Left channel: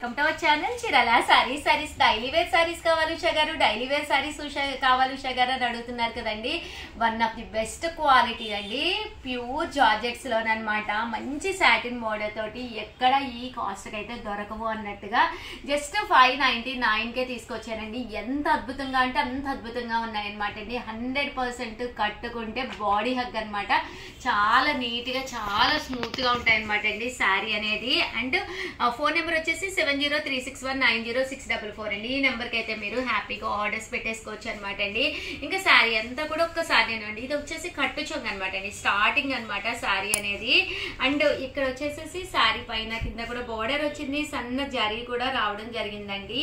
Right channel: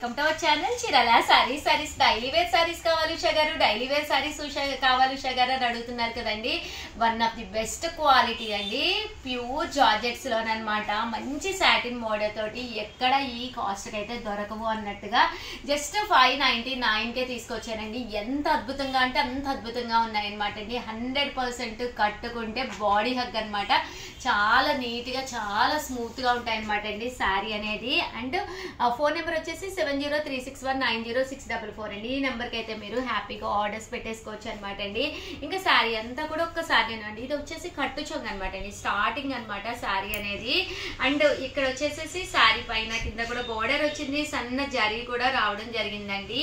Welcome to our channel Chirala sarees daily wear sarees కావాలి ఉషా గారు, daily wear sarees కావాలి ఉషా గారు అని అడుగుతున్నారు కదండి. One of the best quality అండి, ప్యూర్ జార్జెట్స్ లోనమాట. మంచి సాటిన్ మోడల్ తోటి ఎక్కడ ఈ కాస్ట్ కి అయితే దొరకవు అన్నట్టుగా జస్ట్ 599కే తీసుకొచ్చానండి. ఎంత అద్భుతంగా అంటే అంత అద్భుతంగా ఉన్నాయన్నమాట అండి. 100% కట్టుకుంటే బాడీ హగ్ అనమాట. చాలా నీట్ గా చాలా స్మూత్ గా ఉంటాయి అనమాట అండి శారీ అనేది. అండ్ ఫోన్ నెంబర్ వచ్చేసి 7036190644 అండి. ఈ నెంబర్ కి అయితే మీరు హ్యాపీగా ఆర్డర్స్ పెట్టేసుకోవచ్చు అనమాట అండి. ఇంకా శారీ అంతా కూడా ఒక్కసారి అండి. ఇది వచ్చేసి కట్టు చొంగ అనమాట అండి, స్టార్టింగ్ అనమాట శారీ అనేది. అండ్ ఇక్కడ వచ్చేసేసి శారీ పైన కింద కూడా బోర్డర్ వచ్చింది, సన్న జరీ కూడా రావడం జరిగిందండి.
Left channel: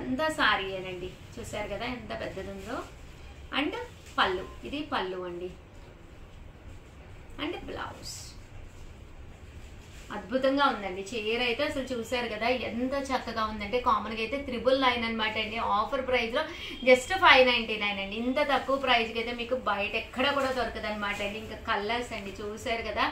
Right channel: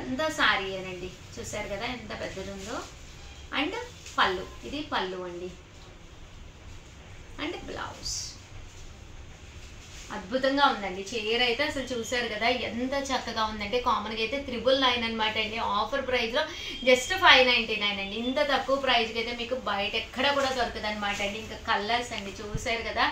అంతా శారీ అనండి, చూసారు కదా ఎంత పెద్దది ఉందో. అండ్ పళ్ళు, ఇది పళ్ళు అండి. అండ్ బ్లౌజ్ అద్భుతంగా ఉందండి. చీర అయితే అసలు చూసారు కదా ఎంత చక్కగా ఉందంటే. కామన్ గా అయితే 999 అనమాట అండి. ఆఫర్ ప్రైస్ లో జస్ట్ 599 అండి. ఇంత తక్కువ ప్రైస్ కి అయితే మీకు బయట ఎక్కడ కూడా దొరకదు అనమాట అండి. ఇంకా కలర్స్ అండి చూసారు కదా,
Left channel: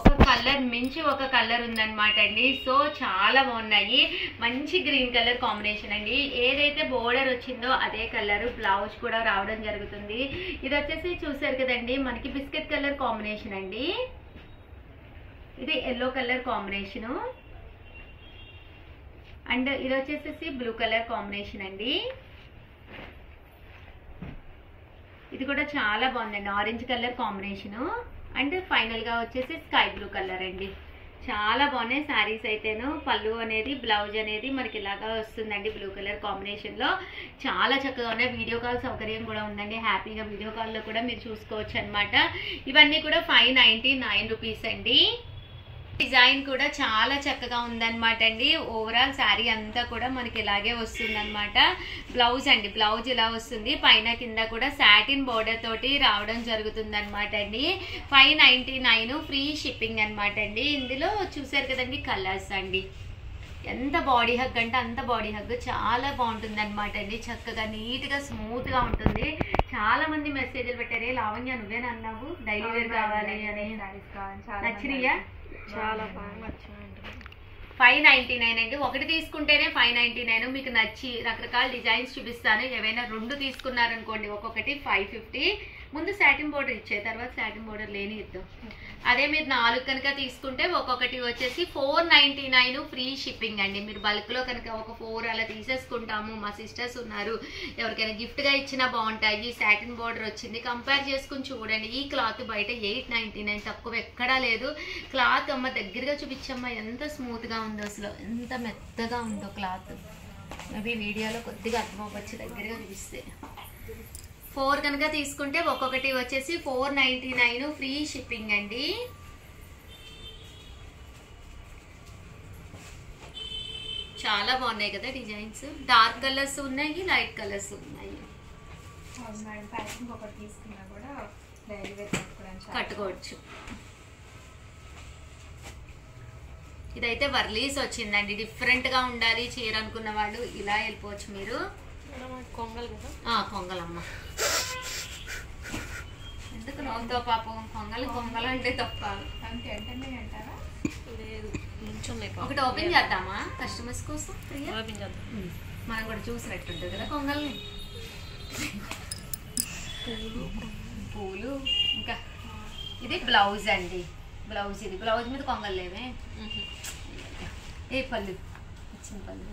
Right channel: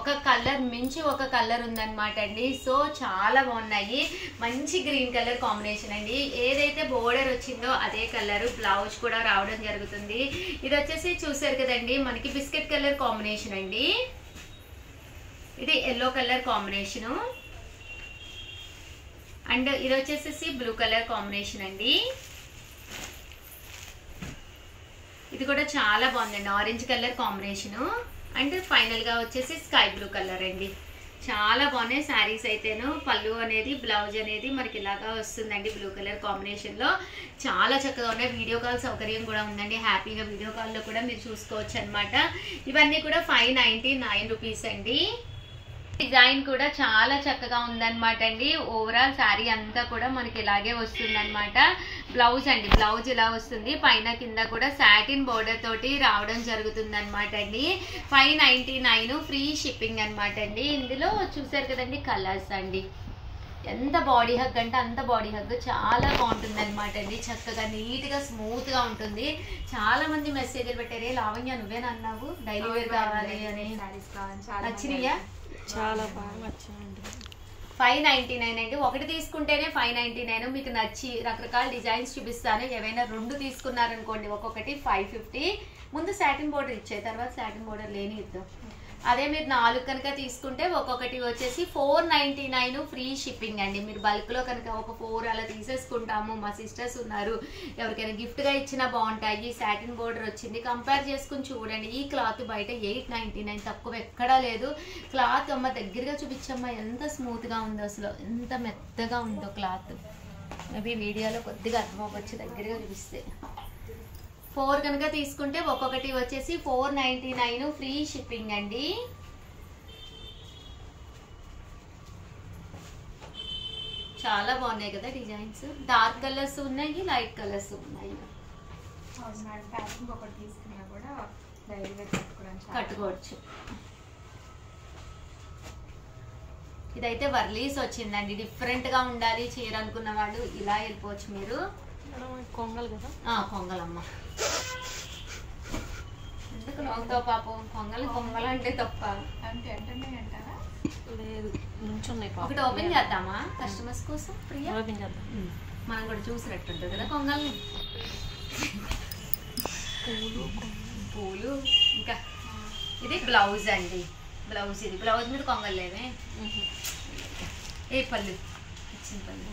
ఒక కలర్ మించి ఒక కలర్ ఉందన్నమాట అండి. సో చాలా బాగున్నాయి. మంచి గ్రీన్ కలర్ కాంబినేషన్ అండి. ఏదైతే బోర్డర్ వచ్చిందో అదే కలర్ బ్లౌజ్ కూడా రావడం జరుగుతుంది. ఇది వచ్చేసి చూసారు కదండి మనకి బిస్కెట్ కలర్ కాంబినేషన్ అండి. ఇది ఎల్లో కలర్ కాంబినేషను. అండ్ ఇది వచ్చేసి బ్లూ కలర్ కాంబినేషన్ అండి. ఇది కూడా చాలా బాగుందండి, orange colour combination. And final గా వచ్చేసి స్కై బ్లూ కలర్ అండి. చాలా బాగున్నాయి శారీస్ అయితేను. పళ్ళు అనేది బ్లౌజ్ అనేది మనకి ఇలాగా వస్తుందండి బ్లూ కలర్ కాంబినేషన్ లో. చాలా చక్కగా ఉన్నాయి. వీడియో కాల్ సౌకర్యం కూడా ఉందండి. హ్యాపీగా వీడియో కాల్లో కూడా మీరు చూసుకోవచ్చు అనమాట. ఇవన్నీ కూడా 599 రూపీస్ అండి. డిజైన్ కూడా చాలా చక్కగా ఉందన్నమాట అండి. ఓవరాల్ శారీ అంతా కూడా మనకి ఇలాగే వస్తుంది అనమాట. బ్లౌజ్ అండి, బ్లౌజ్ ఇలా వస్తుంది. పైన కింద కూడా సాటిన్ బోర్డర్ తోటి రావడం జరుగుతుంది అనమాట అండి. 599 ఫ్రీ షిప్పింగ్ అనమాట అండి. ఇందులో చూసారు కదండి కలర్స్ అండి. ఎంత బాడీ హగ్ అంటే అంత బాడీ హగ్, చాలా బాగుంటుంది అనమాట అండి. చక్కగా నీట్ గా స్మూత్ గా ఉంటుంది. చాలా మంది మెసేజ్లు పెట్టారే, లావణ్య నువ్వేనా అన్నావు డైలీ వేర్ కావాలి అని. నచ్చినాయా? చాలా బాగా నచ్చాయండి. 599 అండి. ఒకటి తీసుకుంటేనే 599. మీకు నచ్చి రకరకాల డిజైన్స్ చూపిస్తాను. ఏవైనా 2 తీసుకున్నారనుకోండి ఒక్కొక్కటి 550. ముందు సాటిన్ బోర్డర్ ఇచ్చే, తర్వాత సాటిన్ బోర్డర్ లేని ఇద్దాం. అదే మీరు 4 కనుక తీసుకుంటే ఒక్కొక్కటి వచ్చేసి 499 ఫ్రీ షిప్పింగ్ అండి. మీరు బల్క్ లో కనుక ఒక 4 అలా తీసేసుకుంటాము. మా సిస్టర్స్ ఉన్నారు, ఎవరికైనా గిఫ్ట్ గా ఇచ్చినా బాగుంటాయి. సాటిన్ బోర్డర్ వచ్చింది, కంపేర్ చేసుకుని చూడండి. ఈ క్లాత్ బయట 899, తక్కువ ఎక్కడా లేదు. క్లాత్ అమ్మ దగ్గరగా చూపించమ్మా, ఎంత స్మూత్ గా ఉందో అసలు, ఎంత మెత్తగా ఉందో క్లాత్. మేబీ వీడియోలో కొద్దిగా అర్థమవ్వచ్చు దగ్గరగా చూపిస్తే. 4 కనుక తీసుకుంటే ఒక్కొక్కటి వచ్చేసి 499 ఫ్రీ షిప్పింగ్ అండి. చాలా బాగున్నాయి కదా డిజైన్స్. డార్క్ కలర్స్ ఉన్నాయి, లైట్ కలర్స్ ఉన్నాయి. కట్టుకోవచ్చు. ఇదైతే వర్లీస్ వచ్చిందండి. డిఫరెంట్ గా ఉండాలి చీర అనుకున్న వాళ్ళు ఇలా వెళ్ళిపోవచ్చు మీరు. కొంగలమ్మ ఎందుకు నవ్వుతావు పాపం? కొంగలు అంటే తప్ప లేదు. ఒకటి ఓపెన్ చేద్దామా కస్టమర్స్ కోసం? ఫ్రీగా ఓపెన్ చేద్దాం. మనం కూడా చూసినట్టుంటుంది కదా కొంగల్ని. పూలు. ఇంకా ఇది బ్లౌజ్ అండి. బ్లౌజ్, ఇది బ్లౌజ్ మీద కొంగలు లేవే. ఏ పళ్ళు ఇచ్చిన పళ్ళు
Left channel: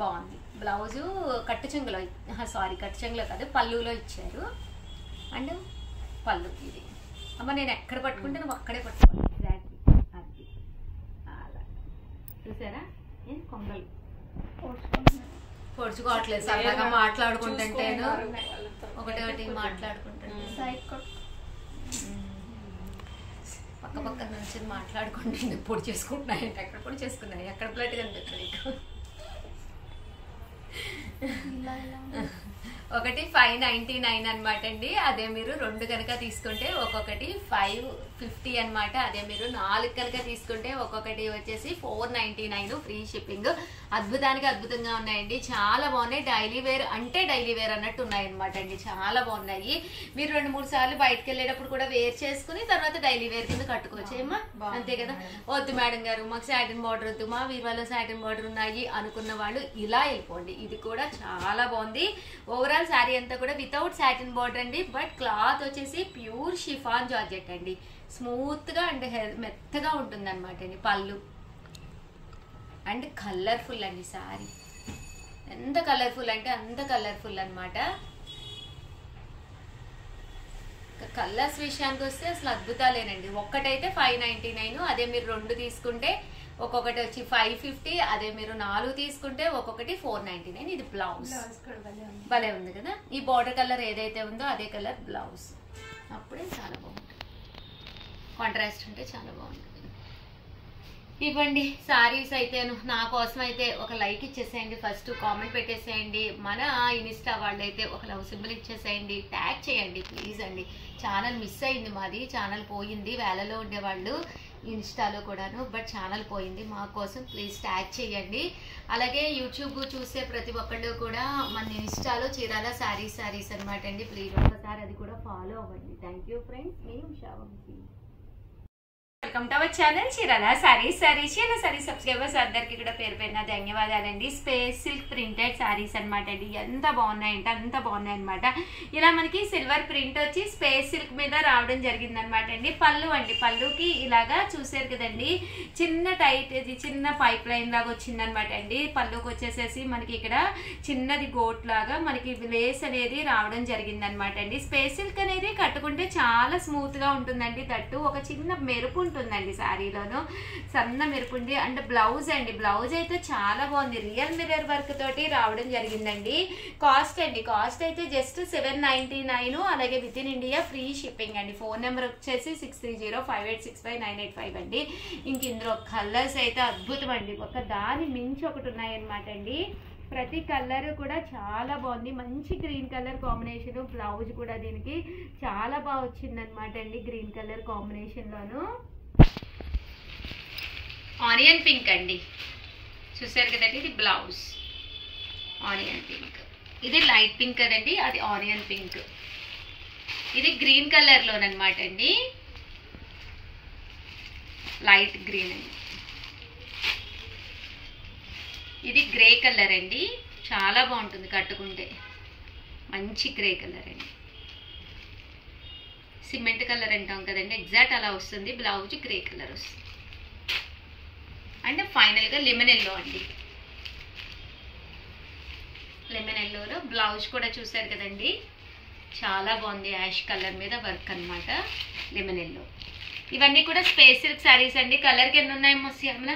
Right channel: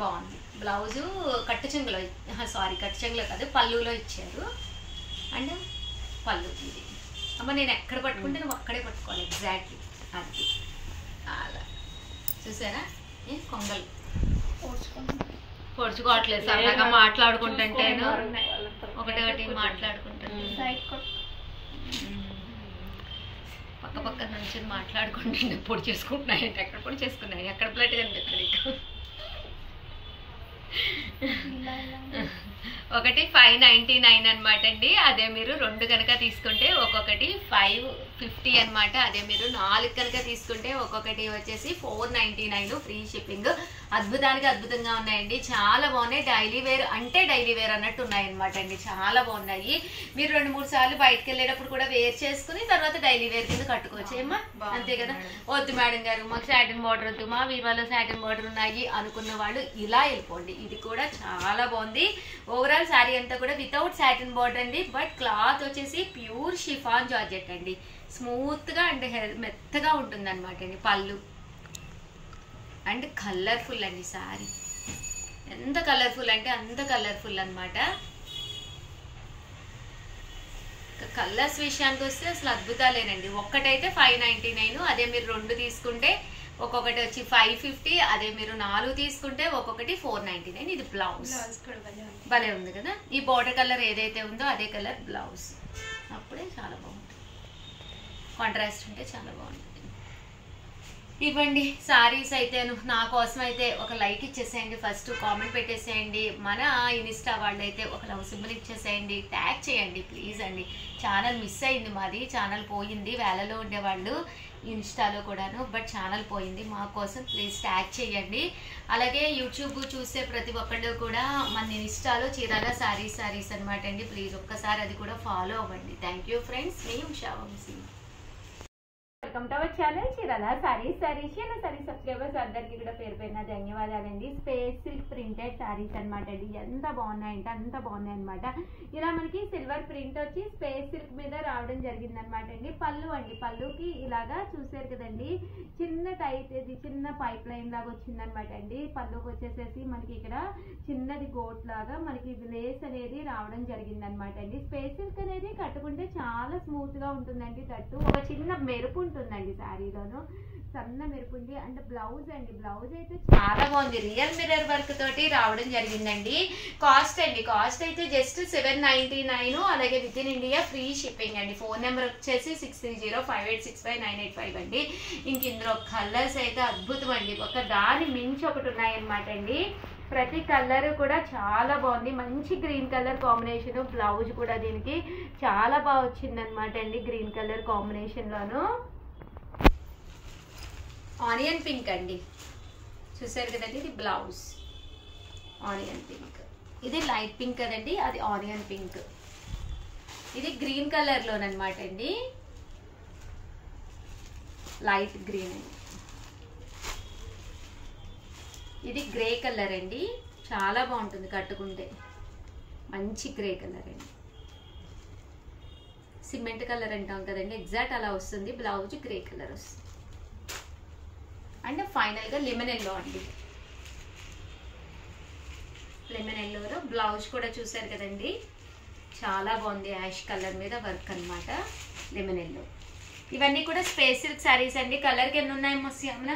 బాగుంది. బ్లౌజు కట్టు చెంగులో, సారీ కట్టు చెంగులో కాదు పళ్ళులో ఇచ్చారు. అండ్ పళ్ళు ఇది. అమ్మ నేను ఎక్కడ పట్టుకుంటే నువ్వు అక్కడే పట్టుకోవాలి ఎగ్జాక్ట్లీ. అది అలా చూసారా కొంగలు పొడుచుకోవట్లేదు. సరదాగా మాట్లాడుకుంటుంటేను ఒకటి మాట్లాడుకుంటాను. పక్క పక్క నుంచి మాట్లాడుకుంటుంటే పొడి చేసుకుంటున్నాయి. ఎక్కడ పొడి చేసుకున్నాయి, ఎక్కడ ప్లేట్ కనిపించదు. ఒకటి 599 అనమాట అండి. అదే మీరు 2 కనుక తీసుకుంటే ఒక్కొక్కటి 450 అన్నమాట. అదే మీరు 4 కనుక తీసుకుంటే ఒక్కొక్కటి వచ్చేసి 499 ఫ్రీ షిప్పింగ్. అద్భుతానికి అద్భుతంగా ఉన్నాయండి, చాలా బాగున్నాయి. డైలీ వేర్ అంటే డైలీ వేర్ అన్నట్టు ఉన్నాయి అనమాట అండి, చాలా బాగున్నాయి. మీరు 2-3 సార్లు బయటకు వెళ్ళేటప్పుడు కూడా వేర్ చేసుకుని తర్వాత డైలీ వేర్ కింద కట్టుకోవచ్చు ఏమా, అంతే కదా. వద్దు మేడం గారు మాకు సాటిన్ బార్డర్ వద్దు, మా వీవాలో సాటిన్ బార్డర్ ఉన్నాయి అనుకున్న వాళ్ళు ఇలా వెళ్ళిపోండి. ఇది కూడా చాలా బాగుంది. ఓవరాల్ శారీ అంతా కూడా వితౌట్ సాటిన్ బార్డర్ అండి, బట్ క్లాత్ వచ్చేసి ప్యూర్ షిఫాన్ జార్జెట్ అండి. స్మూత్ గా అండ్ మెత్తగా ఉంటుంది అనమాట అండి. పళ్ళు అండ్ కలర్ఫుల్ అండి సారీ, ఎంత కలర్ఫుల్ అంటే అంత కలర్ఫుల్ అనమాట. కలర్స్ విషయానికి వస్తే అసలు అద్భుతాలేనండి. ఒక్కటైతే 599, అదే మీరు 2 తీసుకుంటే ఒక్కొక్కటి వచ్చి 550, అదే మీరు 4 తీసుకుంటే ఒక్కొక్కటి 499. ఇది బ్లౌజ్ భలే ఉంది కదా. ఈ బార్డర్ కలర్ ఏదైతే ఉందో అదే కలర్ బ్లౌజ్, అప్పుడే చాలా బాగుంటుంది. కాంట్రాస్ట్ ఉంటే చాలా బాగుంటుంది. ఇవ్వండి సారీస్ అయితే నా కోసం అయితే ఒక లైక్ ఇచ్చేసేయండి, ఫస్ట్ కామెంట్ పెట్టేసేయండి. మన ఇన్స్టా వాళ్ళు అయితే ఒక లవ్ సింబల్ ఇచ్చేసేయండి, ట్యాగ్ చేయండి ప్లీజ్ అండి. ఛానల్ మిస్ అయింది, మాది ఛానల్ పోయింది. వేలలో ఉండేవాళ్ళు ఇన్స్టాలో కూడాను, బట్ ఛానల్ పోయింది. మా కోసం ప్లీజ్ ట్యాగ్ చేయండి. అలాగే యూట్యూబ్ చూసే ప్రతి ఒక్కళ్ళు కూడా మన ఇన్స్టాలో చీరాల సారీస్ అనమాట అండి, ప్లీజ్ ఒక్కసారి అది కూడా ఫాలో అవ్వండి. థ్యాంక్ యూ ఫ్రెండ్స్, మీ Usha Vamsi. Welcome to our channel Chirala sarees. Chirala sarees subscribers అందరికీ కూడా పేరు పేరున ధన్యవాదాలండి. స్పేస్ సిల్క్ ప్రింటెడ్ సారీస్ అనమాట అండి, ఎంత బాగున్నాయంటే అంత బాగున్నాయి అనమాట. ఇలా మనకి సిల్వర్ ప్రింట్ వచ్చి స్పేస్ సిల్క్ మీద రావడం జరిగింది అనమాట అండి. పళ్ళు అండి, పళ్ళుకి ఇలాగా చూసారు కదండి, చిన్న టైట్ ఇది చిన్న పైప్ లైన్ లాగా వచ్చింది అనమాట అండి. పళ్ళుకి వచ్చేసేసి మనకి ఇక్కడ చిన్నది గోట్ లాగా మనకి లేస్ అనేది రావడం జరిగింది అనమాట అండి. స్పేస్ సిల్క్ అనేది కట్టుకుంటే చాలా స్మూత్ గా ఉంటుందండి. తట్టు ఒక చిన్న మెరుపు ఉంటుందండి శారీలోను, సన్న మెరుపుండి. అండ్ బ్లౌజ్ అండి, బ్లౌజ్ అయితే చాలా బాగుంది, రియల్ మిర్రర్ వర్క్ తోటి రావడం జరిగిందండి. కాస్ట్ అండి, కాస్ట్ అయితే జస్ట్ 799, అలాగే with in India free shipping అండి. ఫోన్ నెంబర్ వచ్చేసి 6305865985 అండి. ఇంక ఇందులో కలర్స్ అయితే అద్భుతం అండి, ఒక దాని మించి ఒకటి ఉన్నాయన్నమాట అండి. ప్రతి కలర్ కూడా చాలా బాగుంది, మంచి గ్రీన్ కలర్ కాంబినేషన్. బ్లౌజ్ కూడా దీనికి చాలా బాగా వచ్చింది అనమాట అండి, గ్రీన్ కలర్ కాంబినేషన్ లోను. ఆనియన్ పింక్ అండి, చూసారు కదండి, ఇది బ్లౌజ్ ఆనియన్ పింక్. ఇది లైట్ పింక్ కదండి, అది ఆనియన్ పింక్. ఇది గ్రీన్ కలర్ లోనమాట అండి, లైట్ గ్రీన్ అండి. ఇది గ్రే కలర్ అండి, చాలా బాగుంటుంది కట్టుకుంటే, మంచి గ్రే కలర్ అండి. సిమెంట్ కలర్ అంటాం కదండి, ఎగ్జాక్ట్ అలా వస్తుంది. బ్లౌజ్ గ్రే కలర్ వస్తుంది. అండ్ ఫైనల్గా లెమన్ ఎల్లో అండి, లెమన్ ఎల్లోలో బ్లౌజ్ కూడా చూసారు కదండి, చాలా బాగుంది. యాష్ కలర్ మీద వర్క్ అనమాట, లెమన్ ఎల్లో. ఇవన్నీ కూడా స్పేస్ సిల్క్ శారీస్ అండి. కలర్కి ఎన్ని ఉన్నాయి శ్యామల?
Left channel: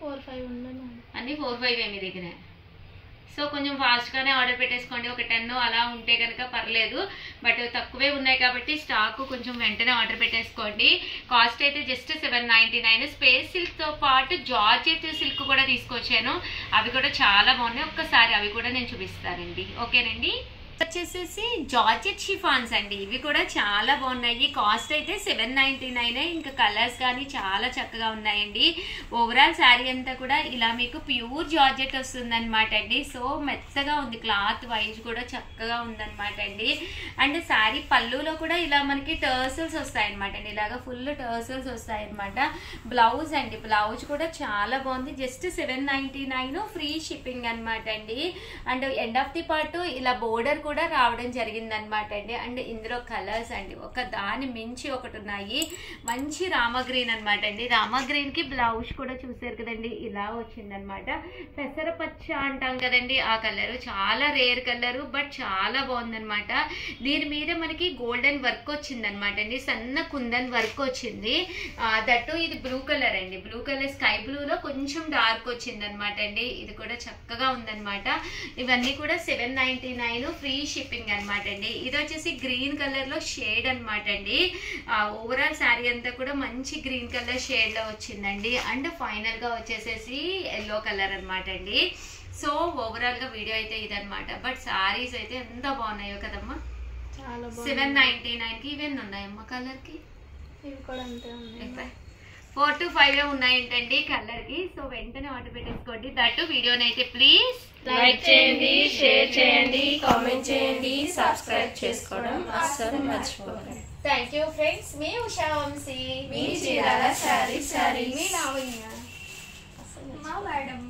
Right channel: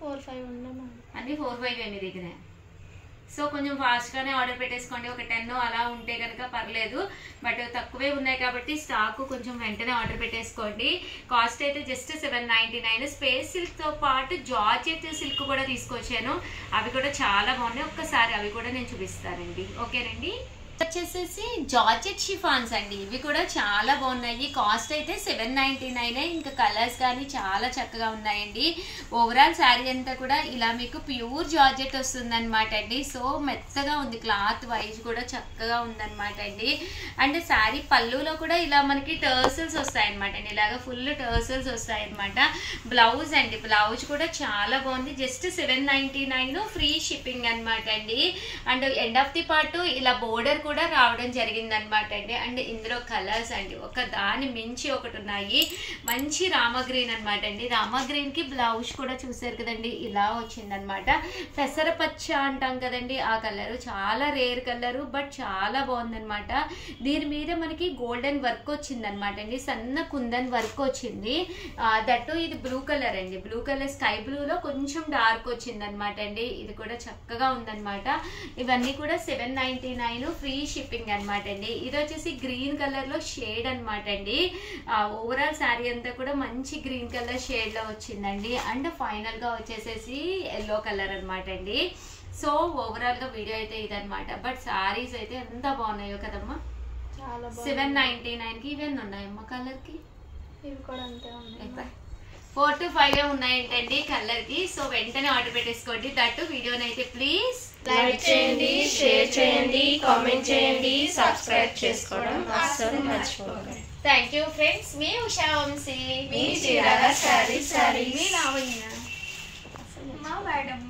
4-5 ఉన్నాయి అన్నీ 4-5 మీ దగ్గర. సో కొంచెం ఫాస్ట్గానే ఆర్డర్ పెట్టేసుకోండి, ఒక 10 అలా ఉంటే కనుక పర్లేదు, బట్ తక్కువే ఉన్నాయి కాబట్టి స్టాక్ కొంచెం వెంటనే ఆర్డర్ పెట్టేసుకోండి. కాస్ట్ అయితే జస్ట్ 799. స్పేస్ సిల్క్తో పాటు జార్జెట్ సిల్క్ కూడా తీసుకొచ్చాను, అవి కూడా చాలా బాగున్నాయి. ఒక్కసారి అవి కూడా నేను చూపిస్తానండి, ఓకేనండి. వచ్చేసేసి జార్జెట్ షిఫాన్స్ అండి, ఇవి కూడా చాలా బాగున్నాయి. కాస్ట్ అయితే 799. ఇంకా కలర్స్ కానీ చాలా చక్కగా ఉన్నాయండి. ఓవరాల్ శారీ అంతా కూడా ఇలా మీకు ప్యూర్ జార్జెట్ వస్తుంది అనమాట అండి. సో మెత్తగా ఉంది, క్లాత్ వైజ్ కూడా చక్కగా ఉందన్నమాట అండి. అండ్ శారీ పళ్ళులో కూడా ఇలా మనకి టర్సల్స్ వస్తాయన్నమాట అండి, ఇలాగా ఫుల్ టర్సల్స్ వస్తాయన్నమాట. బ్లౌజ్ అండి, బ్లౌజ్ కూడా చాలా బాగుంది, జస్ట్ 799 ఫ్రీ షిప్పింగ్ అనమాట అండి. And end of the part ఇలా బోర్డర్ కూడా రావడం జరిగింది అనమాట అండి. అండ్ ఇందులో కలర్స్ అండి ఒక దాని మించి ఒకటి ఉన్నాయి. మంచి రామ గ్రీన్ అనమాట అండి, రామ గ్రీన్ కి బ్లౌజ్ కూడా చూసారు కదండి, ఇలా వచ్చిందనమాట. పెసరపచ్చ అంటాం కదండి, ఆ కలర్ చాలా రేర్ కలరు, బట్ చాలా బాగుందనమాట. దీని మీద మనకి గోల్డెన్ వర్క్ వచ్చిందనమాట అండి, సన్న కుందన్ వర్క్ వచ్చింది. దట్టు ఇది బ్లూ కలర్ అండి, బ్లూ కలర్ స్కై బ్లూలో కొంచెం డార్క్ వచ్చిందనమాట అండి. ఇది కూడా చక్కగా ఉందనమాట. ఇవన్నీ కూడా 799 ఫ్రీ షిప్పింగ్ అనమాట అండి. ఇది వచ్చేసి గ్రీన్ కలర్ లో షేడ్ అనమాట అండి. ఓవరాల్ శారీ అంతా కూడా మంచి గ్రీన్ కలర్ షేడ్ లో వచ్చిందండి. అండ్ ఫైనల్ గా వచ్చేసేసి ఎల్లో కలర్ అనమాట అండి. సో ఓవరాల్ గా వీడియో అయితే ఇదనమాట. బట్ శారీస్ అయితే ఎంత బాగున్నాయో కదమ్మా. 799 కి ఇవన్నీ ఉన్నాయమ్మా కలర్ కి. ఇవి కూడా అంతే ఉన్నాయి. 4 to 5 ఉన్నాయంటండి కలర్కి. సో వెంటనే ఆర్డర్ పెట్టేసుకోండి. దట్టు వీడియోనైతే ప్లీజ్ లైక్ చేయండి, షేర్ చేయండి, కామెంట్ చేయండి, సబ్స్క్రైబ్ చేసుకోవడం అస్సలు మర్చిపోకండి. Thank you friends. మీ ఉషా వంశీ, మీ చీరాల శారీ మీ లావణ్య. మా మేడం